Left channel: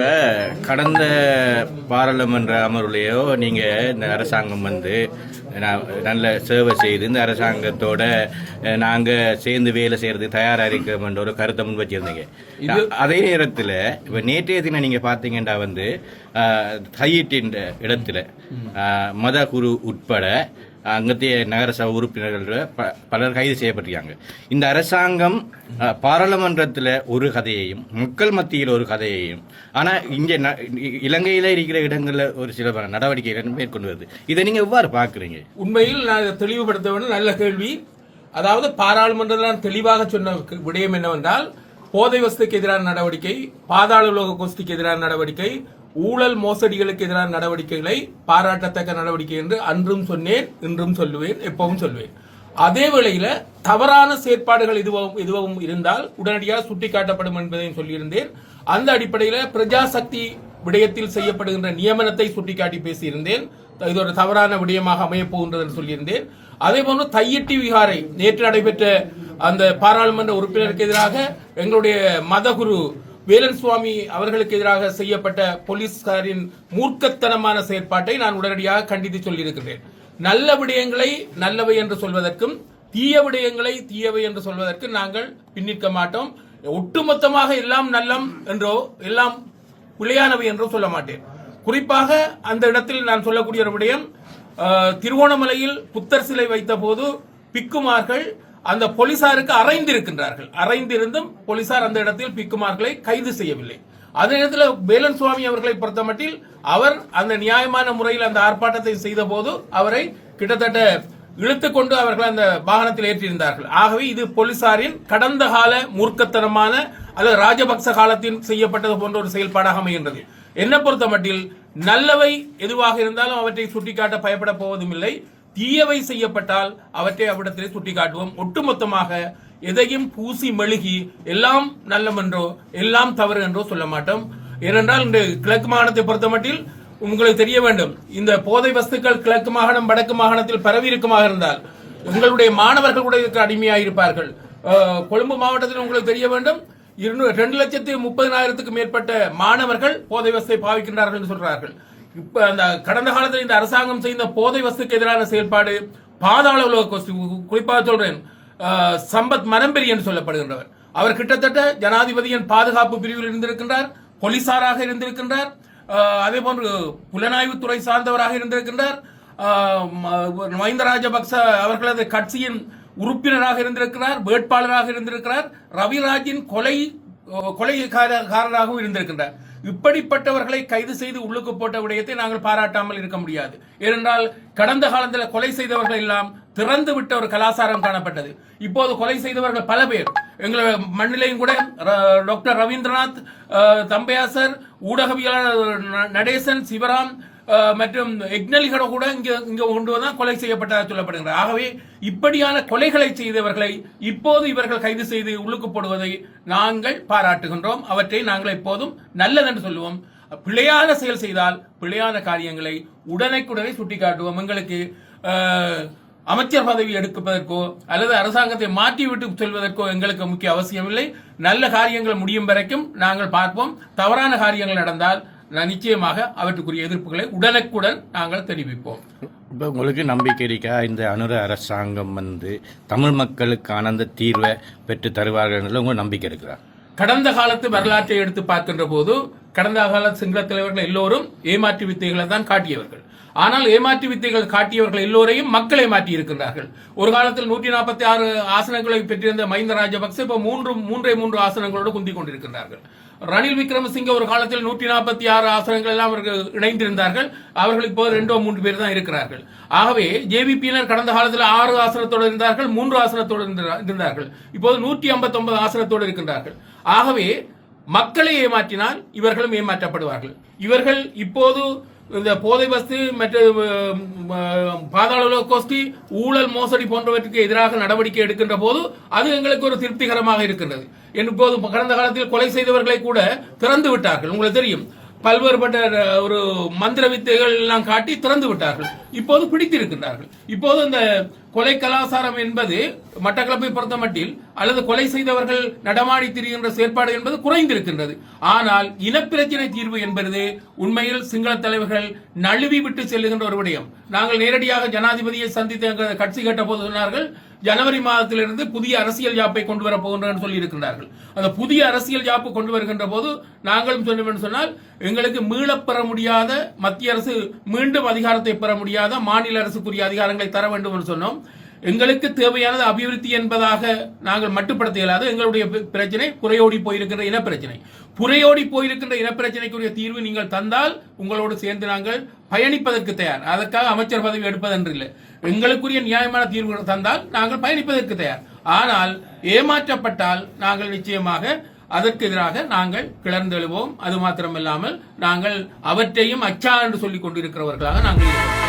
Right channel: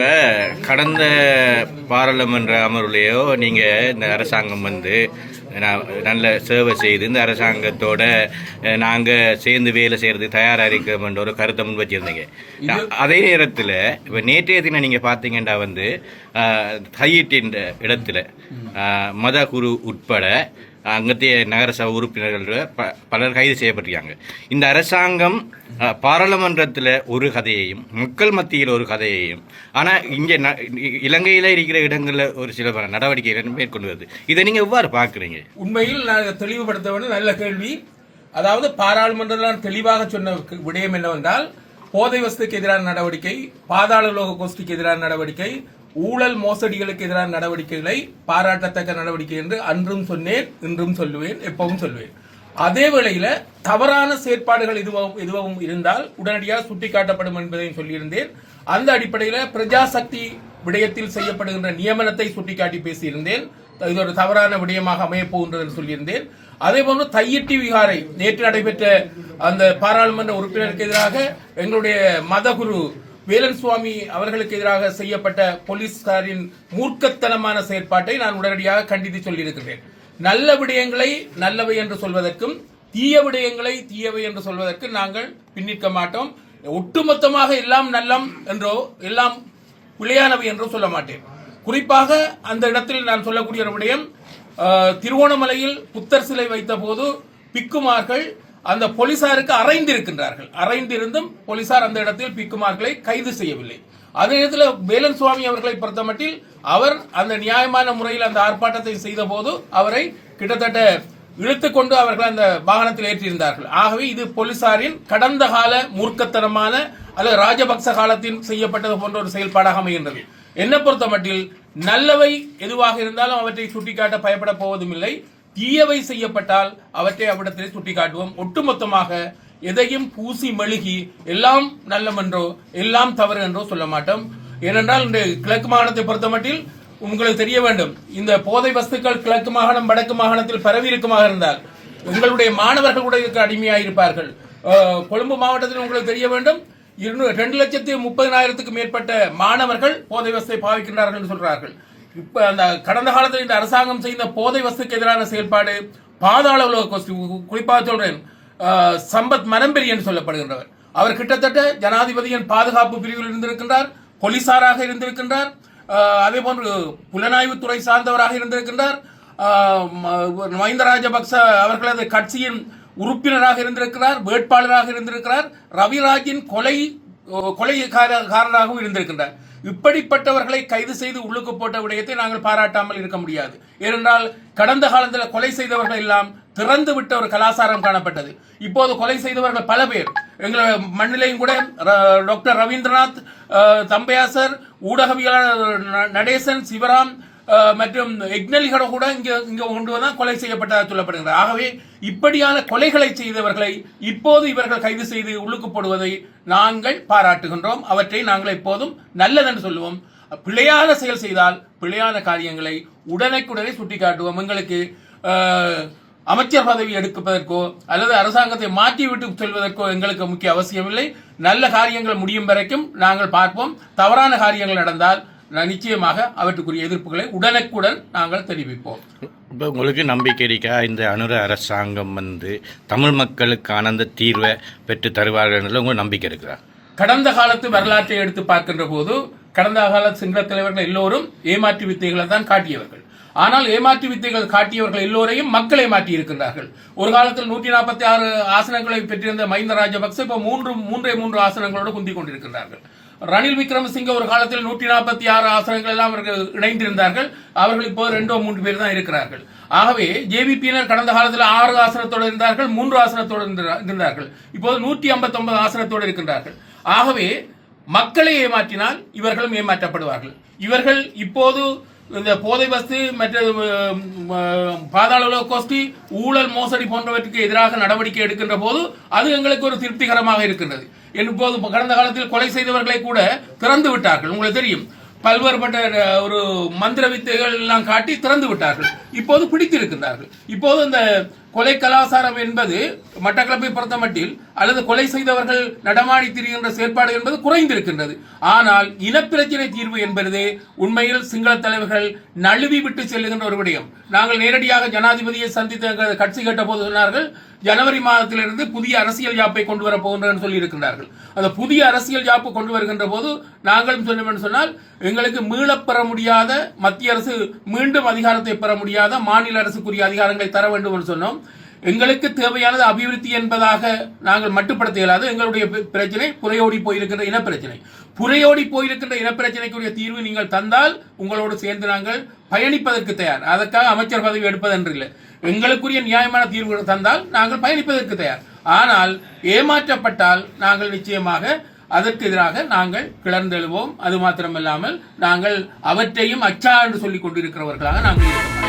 இப்போ கடந்த பாராளுமன்ற அமர்வுலையோ நீங்கள் இந்த அரசாங்கம் நல்ல சேவை செய்து இந்த அரசாங்கத்தோட நாங்கள் சேர்ந்து வேலை செய்கிறதுக்கு தயாராக இருக்கிறோம்ன்ற ஒரு கருத்தை முன் வச்சுருந்தீங்க. அதே நேரத்தில் இப்போ நேற்றைய தினம் நீங்கள் பார்த்தீங்கன்னா கையீட்டின் இடத்துல மத குரு உட்பட அங்கத்திய நகரசபை உறுப்பினர்கள் பலர் கைது செய்யப்பட்டிருக்காங்க. இந்த அரசாங்கம் பாராளுமன்றத்தில் ஒரு கதையையும் மக்கள் மத்தியில் ஒரு கதையையும் ஆனால் இங்கே இலங்கையில் இருக்கிற இடங்களில் ஒரு சில நடவடிக்கைகள் மேற்கொண்டு வருது. இதை நீங்கள் எவ்வாறு பார்க்குறீங்க? உண்மையில் நான் தெளிவுபடுத்த வேண்டும். நல்ல கேள்வி. அதாவது பாராளுமன்றத்தில் தெளிவாக சொன்ன விடயம் என்னவென்றால், போதை வஸ்துக்கு எதிரான நடவடிக்கை, பாதாள உலக கோஷ்டிக்கு எதிரான நடவடிக்கை, ஊழல் மோசடிகளுக்கு எதிரான நடவடிக்கைகளை பாராட்டத்தக்க நடவடிக்கை என்று அன்றும் சொன்னேன், இன்றும் சொல்லுவேன், எப்பவும் சொல்லுவேன். அதே வேளையில தவறான செயற்பாடுகள் எதுவும் இருந்தால் உடனடியாக சுட்டிக்காட்டப்படும் என்பதையும் சொல்லியிருந்தேன். அந்த அடிப்படையில் பிரஜாசக்தி விடயத்தில் செய்யப்படுகின்ற நியமனத்தை சுட்டிக்காட்டி பேசியிருந்தேன். இது ஒரு தவறான விடயமாக அமையப் போகின்றது என்று சொல்லியிருந்தேன். அதேபோன்று தையிட்டி விகாரை நேற்று நடைபெற்ற அந்த பாராளுமன்ற உறுப்பினருக்கு எதிராக எங்களுடைய மதகுரு வேலன் சுவாமி அவர்களுக்கு எதிராக செய்யப்பட்ட போலீஸ்காரின் மூர்க்கத்தனமான செயற்பாட்டை நான் உடனடியாக கண்டித்து சொல்லியிருக்கிறேன். நல்ல விடயங்களை நல்லவை என்று சொல்வதற்கும் தீய விடயங்களை தீயவை என்று சொல்வதற்கு நாங்கள் பின்னிற்க மாட்டோம். ஒட்டுமொத்தமாக எல்லாம் நல்லம் என்றோ எல்லாம் பிழையானவை என்றோ சொல்ல மாட்டேன். குறிப்பாக அந்த இடத்தில் நான் சொல்லக்கூடிய ஒரு விடயம், திருவோணமலையில் புத்தர் சிலை வைத்த போது பிக்குமார்கள் அந்த போலீசாருக்கு அறைந்திருக்கின்றார்கள். அறைந்திருந்தும் போலீசார் அந்த இடத்தில் பிக்குமார்களை கைது செய்யவில்லை. அதே நேரத்தில் வேலன் சுவாமி அவர்களை பொறுத்தமட்டில் அவர் அந்த நியாயமான முறையில் அந்த ஆர்ப்பாட்டத்தை செய்த போது அவரை கிட்டத்தட்ட இழுத்துக்கொண்டு அவர்கள் அந்த வாகனத்தில் ஏற்றியிருந்தார்கள். ஆகவே இது போலீசாரின் கடந்த கால மூர்க்கத்தனமான அல்லது ராஜபக்ச காலத்தில் செய்யப்பட்டது போன்ற ஒரு செயல்பாடாக அமைகின்றது. என்ன பொறுத்தமட்டில் நல்லவை எதுவாக இருந்தாலும் அவற்றை சுட்டிக்காட்ட பயப்பட போவதும் இல்லை. தீயவை செய்யப்பட்டால் அவற்றை அவ்விடத்திலே சுட்டிக்காட்டுவோம். ஒட்டுமொத்தமாக எதையும் பூசி மெழுகி எல்லாம் நல்லமென்றோ எல்லாம் தவறு என்றோ சொல்ல மாட்டோம். ஏனென்றால் இந்த கிழக்கு மாகாணத்தை பொறுத்தமட்டில் உங்களுக்கு தெரிய வேண்டும், இந்த போதை வஸ்துக்கள் கிழக்கு மாகாணம் வடக்கு மாகாணத்தில் பரவி இருக்குமாக இருந்தால் உங்களுடைய மாணவர்கள் கூட இதற்கு அடிமையாயிருப்பார்கள். கொழும்பு மாவட்டத்தில் உங்களுக்கு தெரிய வேண்டும், 2,30,000 மேற்பட்ட மாணவர்கள் போதை வஸ்தை பாவிக்கின்றார்கள் என்று சொல்றார்கள். இப்ப அந்த கடந்த காலத்தில் இந்த அரசாங்கம் செய்த போதை வஸ்துக்கு எதிரான செயல்பாடு பாதாள உலக கோஷ்டி, குறிப்பாக சொல்றேன் சம்பத் மனம்பெரி என்று சொல்லப்படுகின்றவர், அவர் கிட்டத்தட்ட ஜனாதிபதியின் பாதுகாப்பு பிரிவில் இருந்திருக்கின்றார், போலீசாராக இருந்திருக்கின்றார், அதே போன்று புலனாய்வுத்துறை சார்ந்தவராக இருந்திருக்கின்றார், மஹிந்த ராஜபக்ச அவர்களது கட்சியின் உறுப்பினராக இருந்திருக்கிறார், வேட்பாளராக இருந்திருக்கிறார், ரவிராஜின் கொலைகாரராகவும் இருந்திருக்கின்றார். இப்படிப்பட்டவர்களை கைது செய்து உள்ளுக்கு போட்ட விடயத்தை நாங்கள் பாராட்டாமல் இருக்க முடியாது. ஏனென்றால் கடந்த காலத்தில் கொலை செய்தவர்கள் எல்லாம் திறந்து விட்ட ஒரு கலாச்சாரம் காணப்பட்டது. இப்போது கொலை செய்தவர்கள் பல பேர் எங்கள் மண்ணிலையும் கூட டாக்டர் ரவீந்திரநாத், தம்பையாசர், ஊடகவியலாளர் நடேசன், சிவராம் மற்றும் எக்னலிகட கூட இங்க கொண்டு வந்தால் கொலை செய்யப்பட்டதாக சொல்லப்படுகிறது. ஆகவே இப்படியான கொலைகளை செய்தவர்களை இப்போது இவர்கள் கைது செய்து உள்ளுக்கு போடுவதை நாங்கள் பாராட்டுகின்றோம். அவற்றை நாங்கள் எப்போதும் நல்லதென்று சொல்லுவோம். பிழையான செயல் செய்தால் பிழையான காரியங்களை உடனே சுட்டிக்காட்டுவோம். எங்களுக்கு அமைச்சர் பதவி எடுப்பதற்கோ அல்லது அரசாங்கத்தை மாற்றிவிட்டு செல்வதற்கோ எங்களுக்கு முக்கிய அவசியமில்லை. நல்ல காரியங்கள் முடியும் வரைக்கும் நாங்கள் பார்ப்போம். தவறான காரியங்கள் நடந்தால் நிச்சயமாக அவற்றுக்குரிய எதிர்ப்புகளை உடனுக்குடன் நாங்கள் தெரிவிப்போம். இப்போ உங்களுக்கு நம்பிக்கை இருக்கா இந்த அனுர அரசாங்கம் தமிழ் மக்களுக்கான அந்த தீர்வை பெற்று தருவார்கள் உங்களுக்கு நம்பிக்கை இருக்கிறா? கடந்த காலத்து வரலாற்றை எடுத்து பார்க்கின்ற போது கடந்த கால சிங்கள தலைவர்கள் எல்லோரும் ஏமாற்று வித்தைகளை தான் காட்டியவர்கள். ஆனால் ஏமாற்று வித்தைகள் காட்டியவர்கள் எல்லோரையும் மக்களை மாற்றி இருக்கின்றார்கள். ஒரு காலத்தில் 146 ஆசனங்களை பெற்றிருந்த மஹிந்த ராஜபக்ச இப்ப 3 ஆசனங்களோடு குந்திக் கொண்டிருக்கின்றார்கள். ரணில் விக்ரமசிங்க ஒரு காலத்தில் 146 ஆசனங்கள் எல்லாம் அவர்கள் இணைந்திருந்தார்கள். அவர்கள் இப்போது 2-3 பேர் தான் இருக்கிறார்கள். ஆகவே ஜேவிபியினர் கடந்த காலத்தில் 6 ஆசனத்தோடு இருந்தார்கள், 3 ஆசனத்தோடு இருந்தார்கள். இப்போது 159 ஆசனத்தோடு இருக்கின்றார்கள். ஆகவே மக்களை ஏமாற்றினால் இவர்களும் ஏமாற்றப்படுவார்கள். இவர்கள் இப்போது இந்த போதை வஸ்து மற்றும் பாதாள உலக கோஷ்டி, ஊழல் மோசடி போன்றவற்றுக்கு எதிராக நடவடிக்கை எடுக்கின்ற போது அது எங்களுக்கு ஒரு திருப்திகரமாக இருக்கின்றது. இப்போது கடந்த காலத்தில் கொலை செய்தவர்களை கூட திறந்து விட்டார்கள். உங்களுக்கு தெரியும், பல்வேறுபட்ட ஒரு மந்திர வித்தைகள் எல்லாம் காட்டி திறந்து விட்டார்கள். இப்போது பிடித்திருக்கின்றார்கள். இப்போது இந்த கொலை கலாச்சாரம் என்பது மட்டக்களப்பை பொறுத்த மட்டில் அல்லது கொலை செய்தவர்கள் நடமாடி திரிகின்ற செயற்பாடு என்பது குறைந்திருக்கின்றது. ஆனால் இனப்பிரச்சனை தீர்வு என்பது உண்மையில் சிங்கள தலைவர்கள் நழுவி விட்டு செல்லுகின்ற ஒரு விடயம். நாங்கள் நேரடியாக ஜனாதிபதியை சந்தித்து எங்கள் கட்சி கேட்ட போது சொன்னார்கள், ஜனவரி மாதத்திலிருந்து புதிய அரசியல் யாப்பை கொண்டு வர போகின்றனர் சொல்லி இருக்கிறார்கள். அந்த புதிய அரசியல் யாப்பு கொண்டு வருகின்ற போது நாங்களும் சொன்னோம் சொன்னால், எங்களுக்கு மீளப் பெற முடியாத மத்திய அரசு மீண்டும் அதிகாரத்தை பெற முடியாத மாநில அரசுக்குரிய அதிகாரங்களை தர வேண்டும் என்று சொன்னோம். எங்களுக்கு தேவையானது அபிவிருத்தி என்பதாக நாங்கள் மட்டுப்படுத்த இயலாது. எங்களுடைய பிரச்சனை புரையோடி போயிருக்கின்ற இனப்பிரச்சனை. புரையோடி போயிருக்கின்ற இனப்பிரச்சனைக்குரிய தீர்வு நீங்கள் தந்தால் உங்களோடு சேர்ந்து நாங்கள் பயணிப்பதற்கு தயார். அதற்காக அமைச்சர் பதவி எடுப்பதென்று இல்லை. எங்களுக்குரிய நியாயமான தீர்வுகளை தந்தால் நாங்கள் பயணிப்பதற்கு தயார். ஆனால் ஏமாற்றப்பட்டால் நாங்கள் நிச்சயமாக அதற்கு எதிராக நாங்கள் கிளர்ந்தெழுவோம். அது மாத்திரமல்லாமல் நாங்கள் அவற்றையும் அச்சா என்று சொல்லிக் கொண்டிருக்கிறவர்களாக நாங்கள்